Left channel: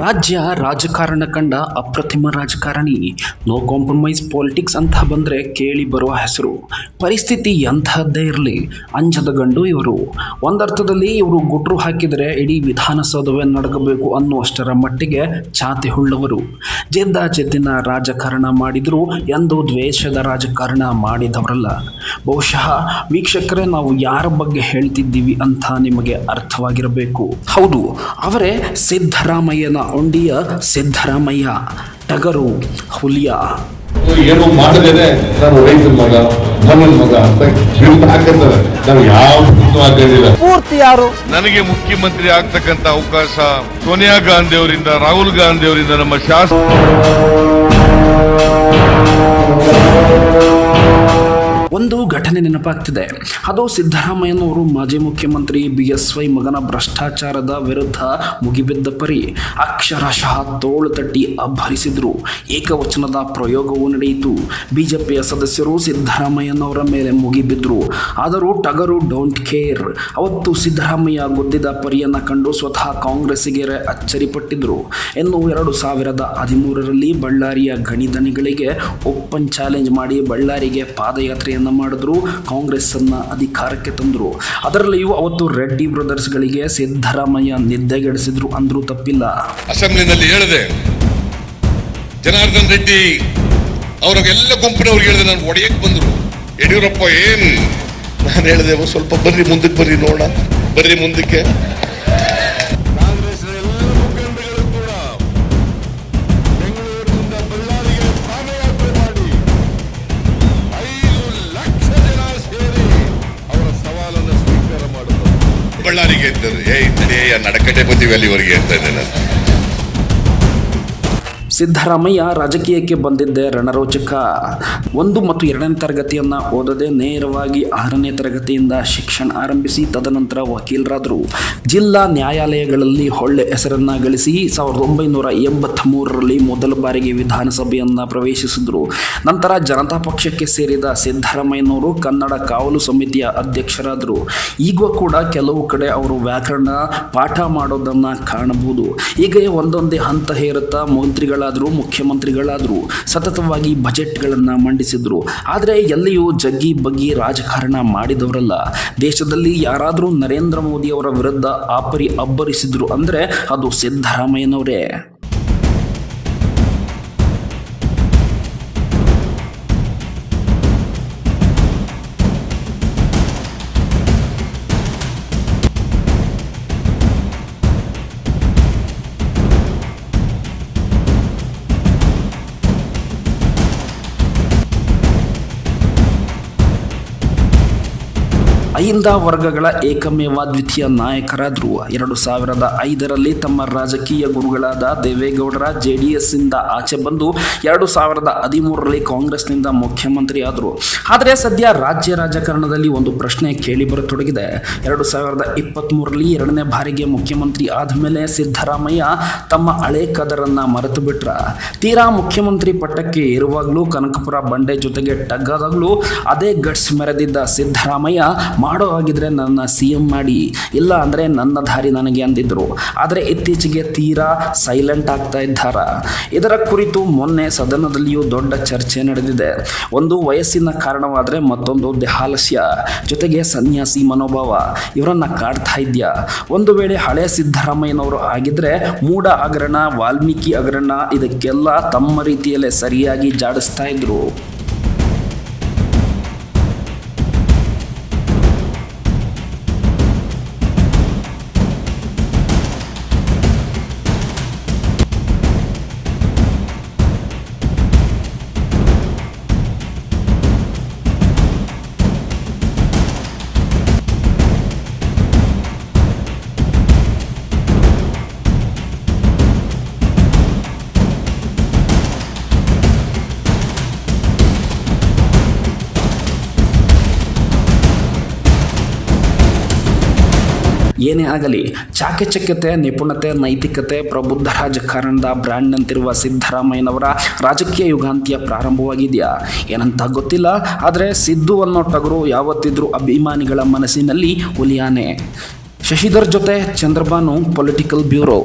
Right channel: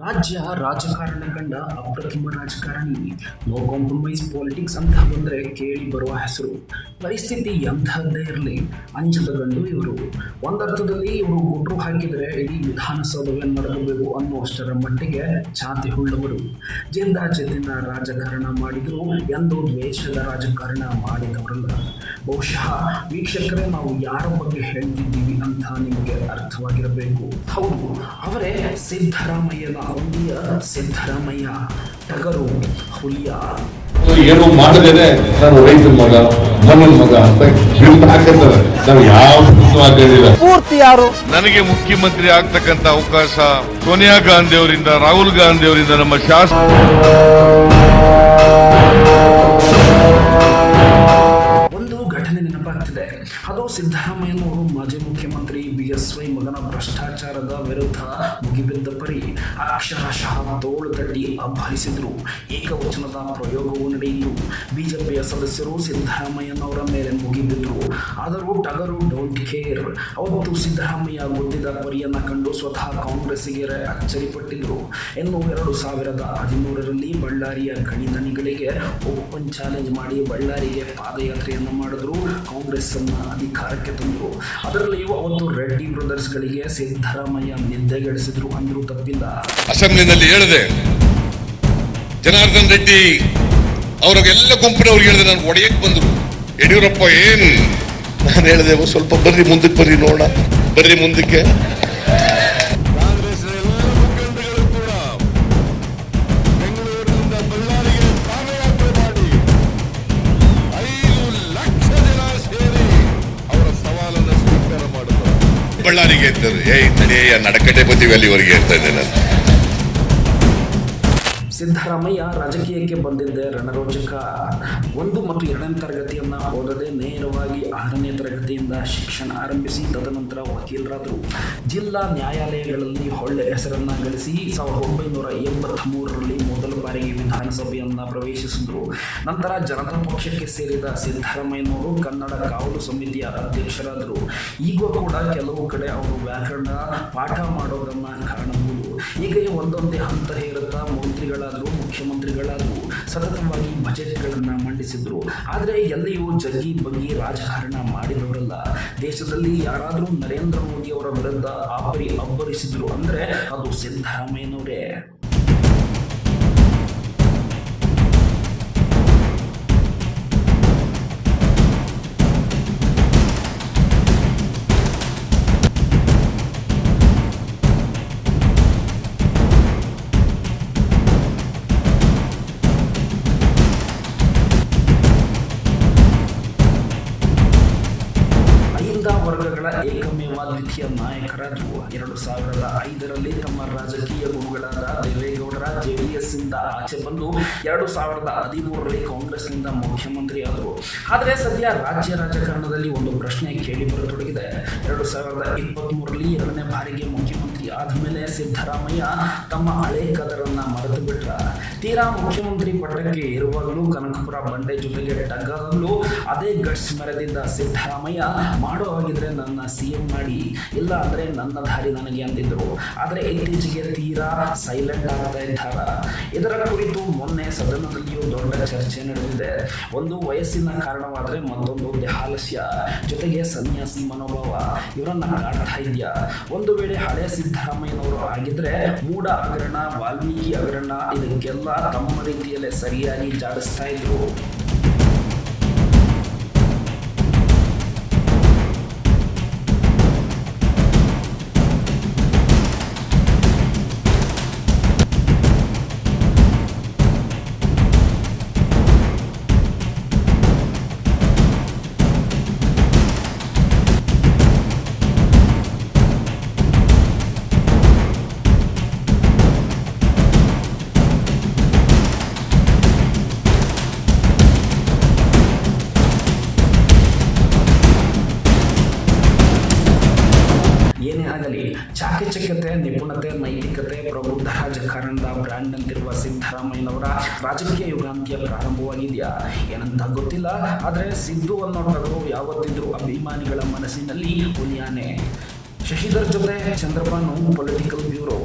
ರಾಜ್ಯ ರಾಜಕಾರಣ ಕಂಡ ಅಪ್ರತಿಮ ರಾಜಕಾರಣಿ. ನೋ ಕಾಂಪ್ರಮೈಸ್ ಪಾಲಿಟಿಕ್ಸ್ ಅಂತ ಬಂದರೆ ಕೇಳಿ ಬರುವ ಹೆಸರು. ಪರಿಸ್ಥಿತಿ ಎಂಥದ್ದೇ ಇರಲಿ ಅಂಜದ ಗಂಡು ಇವರು. ಒಂದರ್ಥದಲ್ಲಿ ಇವರು ಗುಟ್ರು ಹಾಕಿದರೆ ಇಡೀ ವಿಧಾನಸೌಧವೇ ನಡಗಬೇಕು ಅನ್ನುವಷ್ಟರ ಮಟ್ಟಿಗೆ ಛಾತಿ ಹುಳ್ಳವರು. ಜಿದ್ದಾಜಿದ್ದಿನ ರಾಜಕಾರಣ ಮಾಡಿದರೂ ಎಂದು ದ್ವೇಷದ ರಾಜಕಾರಣ ಮಾಡಿದವರಲ್ಲ. ಬಹುಶಃ ವೀಕ್ಷಕರೇ, ನಾವು ಯಾರ ಬಗ್ಗೆ ಹೇಳ್ತಿದ್ದೀವಿ ಅಂತ ನಿಮಗೆ ಅರ್ಥವಾಗಿರಬೇಕು. ಹೌದು, ಅವರೇ ಸಿದ್ದರಾಮಯ್ಯನ ಉಂಡಿಯ ಸಿದ್ದರಾಮಯ್ಯ, ಟಗರು, ಹುಲಿಯ. ಏನು ಮಾಡದೇನೆ ನಾನು ರೈತರ ಮಗ, ಮಣ್ಣನ ಮಗ ಅಂತ ಹಾಕಿರ್ತಾರೆ. ನಾವು ಯಾವ ಪೂರ್ತಿ ಯಾರು ನನಗೆ ಮುಖ್ಯಮಂತ್ರಿ ಆಗ್ತಕ್ಕಂತ ಅವಕಾಶ ಸೋನಿಯಾ ಗಾಂಧಿ ಅವರಿಂದ, ರಾಹುಲ್ ಗಾಂಧಿ ಅವರಿಂದ, ನಮ್ಮ ಒಂದು ಘಟನೆ ನೆನಪಾಗ್ತಿದೆ. ಅದು ಸಿದ್ದರಾಮಯ್ಯನವರು ಮಾಜಿ ಮುಖ್ಯಮಂತ್ರಿ BSY ಮಗನ ಭ್ರಷ್ಟಾಚಾರದ ವಿರುದ್ಧ ಮುಗಿಬಿದ್ದ ಪರಿ ಅಕ್ಷರಶಃ ತೋಳು ತಟ್ಟಿ ಅಬ್ಬರಿಸಿದ್ರು. ಏಕವಚನದ ಪ್ರಯೋಗವೂ ನಡೆಯಿತು. ಬಿಜೆಪಿಯ ಸದಸ್ಯರು ಸಿದ್ದರಾಮಯ್ಯನವರ ಮೇಲೆ ಮುಗಿಬಿದ್ರು. ಆದರೂ ಟಗರು ಡೋಂಟ್ ಕೇರ್. ಅವತ್ತು ಸಿದ್ದರಾಮಯ್ಯ ಗುದ್ದಿದ ಪರಿಯನ್ನು ಕಂಡು ಸ್ವತಃ ಕಾಂಗ್ರೆಸ್ಸಿಗೆ ಅಚ್ಚರಿಪಟ್ಟಿದ್ರು. ಇನ್ನು 2013ರಲ್ಲಿ ಬಳ್ಳಾರಿಯ ಗಣಿಧಣಿಗಳಿಗೆ ಓಪನ್ ಚಾಲೆಂಜ್ ಮಾಡಿ ಬಳ್ಳಾರಿಗೆ ಪಾದಯಾತ್ರೆಯನ್ನು ಮಾಡಿದ್ರು. ಕಾಂಗ್ರೆಸ್ ಅನ್ನ ಅಧಿಕಾರಕ್ಕೆ ತಂದರು. ಅದರಲ್ಲಿಯೂ ಅವತ್ತು ರೆಡ್ಡಿ ಬ್ರದರ್ಸ್ಗಳಿಗೆ ಸಿದ್ದರಾಮಯ್ಯ ನಿದ್ದೆಗೆಡಿಸಿದ್ರು ಅಂದ್ರೂ ತಪ್ಪಿಲ್ಲ. ಅಸೆಂಬ್ಲಿನಲ್ಲಿ ಹೇಳಿದೆ, ಜನಾರ್ದನ್ ರೆಡ್ಡಿ ಅವರಿಗೆಲ್ಲ ಗುಂಪಿನವ್ರಿಗೆ ಹೇಳಿದೆ, ನಾನು ಒಡೆಯಕ್ಕೆ ಬಂದ್ರು. ಯಡಿಯೂರಪ್ಪ ಏನ್ ನಾನು ಹೇಳಿದೆ, ಸ್ವಲ್ಪ ಬರ್ರಿ ಮುಂದಕ್ಕೆ, ಬರ್ರಿ ನೋಡೋಣ, ಬರ್ರಿ ಮುಂದಕ್ಕೆ. ಕಾಂಗ್ರೆಸ್ನ ಎಲ್ಲ ಮುಖಂಡಗಳು ಕೂಡ ಬೆಂಗಳೂರಿನಿಂದ ಬಳ್ಳಾರಿಗೆ ಪಾದಯಾತ್ರೆ ಮಾಡಿ 5 ಲಕ್ಷ ಜನ ಸೇರಿ ಅವರ ಸವಾಲನ್ನು ಸ್ವೀಕಾರ ಮಾಡಿದ್ರು. ಬಳ್ಳಾರಿಗೆ ಇರ್ತಾರೆ, ನಡೆಯ ನಡಕಟೆ ಬದಿವಿ ಅಲ್ಲಿವರೆಗೆ ಇರ್ತಾ ಇದ್ದೆ ನಾನು. ಸಿದ್ದರಾಮಯ್ಯ ರಾಜಕೀಯಕ್ಕೆ ಬಂದಿದ್ದೇ ರಣರೋಚಕ. 1 ಮತ್ತು 2ನೇ ತರಗತಿಯನ್ನು ಓದದೆ ನೇರವಾಗಿ 6ನೇ ತರಗತಿಯಿಂದ ಶಿಕ್ಷಣ ಆರಂಭಿಸಿ ತದನಂತರ ವಕೀಲರಾದರು. ಜಿಲ್ಲಾ ನ್ಯಾಯಾಲಯಗಳಲ್ಲಿ ಒಳ್ಳೆ ಹೆಸರನ್ನು ಗಳಿಸಿ 1983ರಲ್ಲಿ ಮೊದಲ ಬಾರಿಗೆ ವಿಧಾನಸಭೆಯನ್ನು ಪ್ರವೇಶಿಸಿದರು. ನಂತರ ಜನತಾ ಪಕ್ಷಕ್ಕೆ ಸೇರಿದ ಸಿದ್ದರಾಮಯ್ಯನವರು ಕನ್ನಡ ಕಾವಲು ಸಮಿತಿಯ ಅಧ್ಯಕ್ಷರಾದರು. ಈಗ ಕೂಡ ಕೆಲವು ಕಡೆ ಅವರು ವ್ಯಾಕರಣ ಪಾಠ ಮಾಡೋದನ್ನು ಕಾಣಬಹುದು. ಹೀಗೆ ಒಂದೊಂದೇ ಹಂತ ಹೇರುತ್ತಾ ಮುಖ್ಯಮಂತ್ರಿಗಳಾದರು. ಸತತವಾಗಿ ಬಜೆಟ್ಗಳನ್ನು ಮಂಡಿಸಿದ್ರು. ಆದರೆ ಎಲ್ಲಿಯೂ ಜಗ್ಗಿ ಬಗ್ಗಿ ರಾಜಕಾರಣ ಮಾಡಿದವರಲ್ಲ. ದೇಶದಲ್ಲಿ ಯಾರಾದರೂ ನರೇಂದ್ರ ಮೋದಿ ಅವರ ವಿರುದ್ಧ ಅಬ್ಬರಿಸಿದ್ರು ಅಂದರೆ ಅದು ಸಿದ್ದರಾಮಯ್ಯನವರೇ. ಅಹಿಂದ ವರ್ಗಗಳ ಏಕಮೇವ ದ್ವಿತೀಯ ನಾಯಕರಾದರು. 2005ರಲ್ಲಿ ತಮ್ಮ ರಾಜಕೀಯ ಗುರುಗಳಾದ ದೇವೇಗೌಡರ JDS ಇಂದ ಆಚೆ ಬಂದು 2013ರಲ್ಲಿ ಕಾಂಗ್ರೆಸ್ನಿಂದ ಮುಖ್ಯಮಂತ್ರಿ ಆದರು. ಆದರೆ ಸದ್ಯ ರಾಜ್ಯ ರಾಜಕಾರಣದಲ್ಲಿ ಒಂದು ಪ್ರಶ್ನೆ ಕೇಳಿ ಬರತೊಡಗಿದೆ. 2023ರಲ್ಲಿ 2ನೇ ಬಾರಿಗೆ ಮುಖ್ಯಮಂತ್ರಿ ಆದಮೇಲೆ ಸಿದ್ದರಾಮಯ್ಯ ತಮ್ಮ ಹಳೆ ಕದರನ್ನ ಮರೆತು ಬಿಟ್ರ. ತೀರಾ ಮುಖ್ಯಮಂತ್ರಿ ಪಟ್ಟಕ್ಕೆ ಏರುವಾಗಲೂ ಕನಕಪುರ ಬಂಡೆ ಜೊತೆಗೆ ಟಗ್ಗಾದಾಗಲೂ ಅದೇ ಗಟ್ಸ್ ಮೆರೆದಿದ್ದ ಸಿದ್ದರಾಮಯ್ಯ ಮಾಡೋ ಆಗಿದ್ರೆ ನನ್ನ CM ಮಾಡಿ, ಇಲ್ಲ ಅಂದರೆ ನನ್ನ ದಾರಿ ನನಗೆ ಅಂದಿದ್ರು. ಆದರೆ ಇತ್ತೀಚೆಗೆ ತೀರಾ ಸೈಲೆಂಟ್ ಆಗ್ತಾ ಇದ್ದಾರ. ಇದರ ಕುರಿತು ಮೊನ್ನೆ ಸದನದಲ್ಲಿಯೂ ದೊಡ್ಡ ಚರ್ಚೆ ನಡೆದಿದೆ. ಒಂದು ವಯಸ್ಸಿನ ಕಾರಣವಾದರೆ ಮತ್ತೊಂದು ದೇಹಾಲಸ್ಯ, ಜೊತೆಗೆ ಸನ್ಯಾಸಿ ಮನೋಭಾವ ಇವರನ್ನ ಕಾಡ್ತಾ ಇದೆಯಾ. ಒಂದು ವೇಳೆ ಹಳೆ ಸಿದ್ದರಾಮಯ್ಯನವರು ಆಗಿದ್ರೆ ಮೂಢ ಹಗರಣ, ವಾಲ್ಮೀಕಿ ಹಗರಣ ಇದಕ್ಕೆಲ್ಲ ತಮ್ಮ ರೀತಿಯಲ್ಲೇ ಸರಿಯಾಗಿ ಜಾಡಿಸ್ತಾ ಇದ್ರು. ಏನೇ ಆಗಲಿ, ಚಾಕಚಕ್ಯತೆ, ನಿಪುಣತೆ, ನೈತಿಕತೆ, ಪ್ರಬುದ್ಧ ರಾಜಕಾರಣದ ಬ್ರ್ಯಾಂಡ್ ಅಂತಿರುವ ಸಿದ್ದರಾಮಯ್ಯನವರ ರಾಜಕೀಯ ಯುಗಾಂತ್ಯ ಪ್ರಾರಂಭವಾಗಿದೆಯಾ ಏನಂತ ಗೊತ್ತಿಲ್ಲ. ಆದರೆ ಸಿದ್ದು ಅನ್ನೋ ಟಗರು ಯಾವತ್ತಿದ್ರೂ ಅಭಿಮಾನಿಗಳ ಮನಸ್ಸಿನಲ್ಲಿ ಹುಲಿಯಾನೆ. ಶಶಿಧರ್ ಜೊತೆ ಚಂದ್ರಬಾನು, ಪೊಲಿಟಿಕಲ್ ಬ್ಯೂರೋ.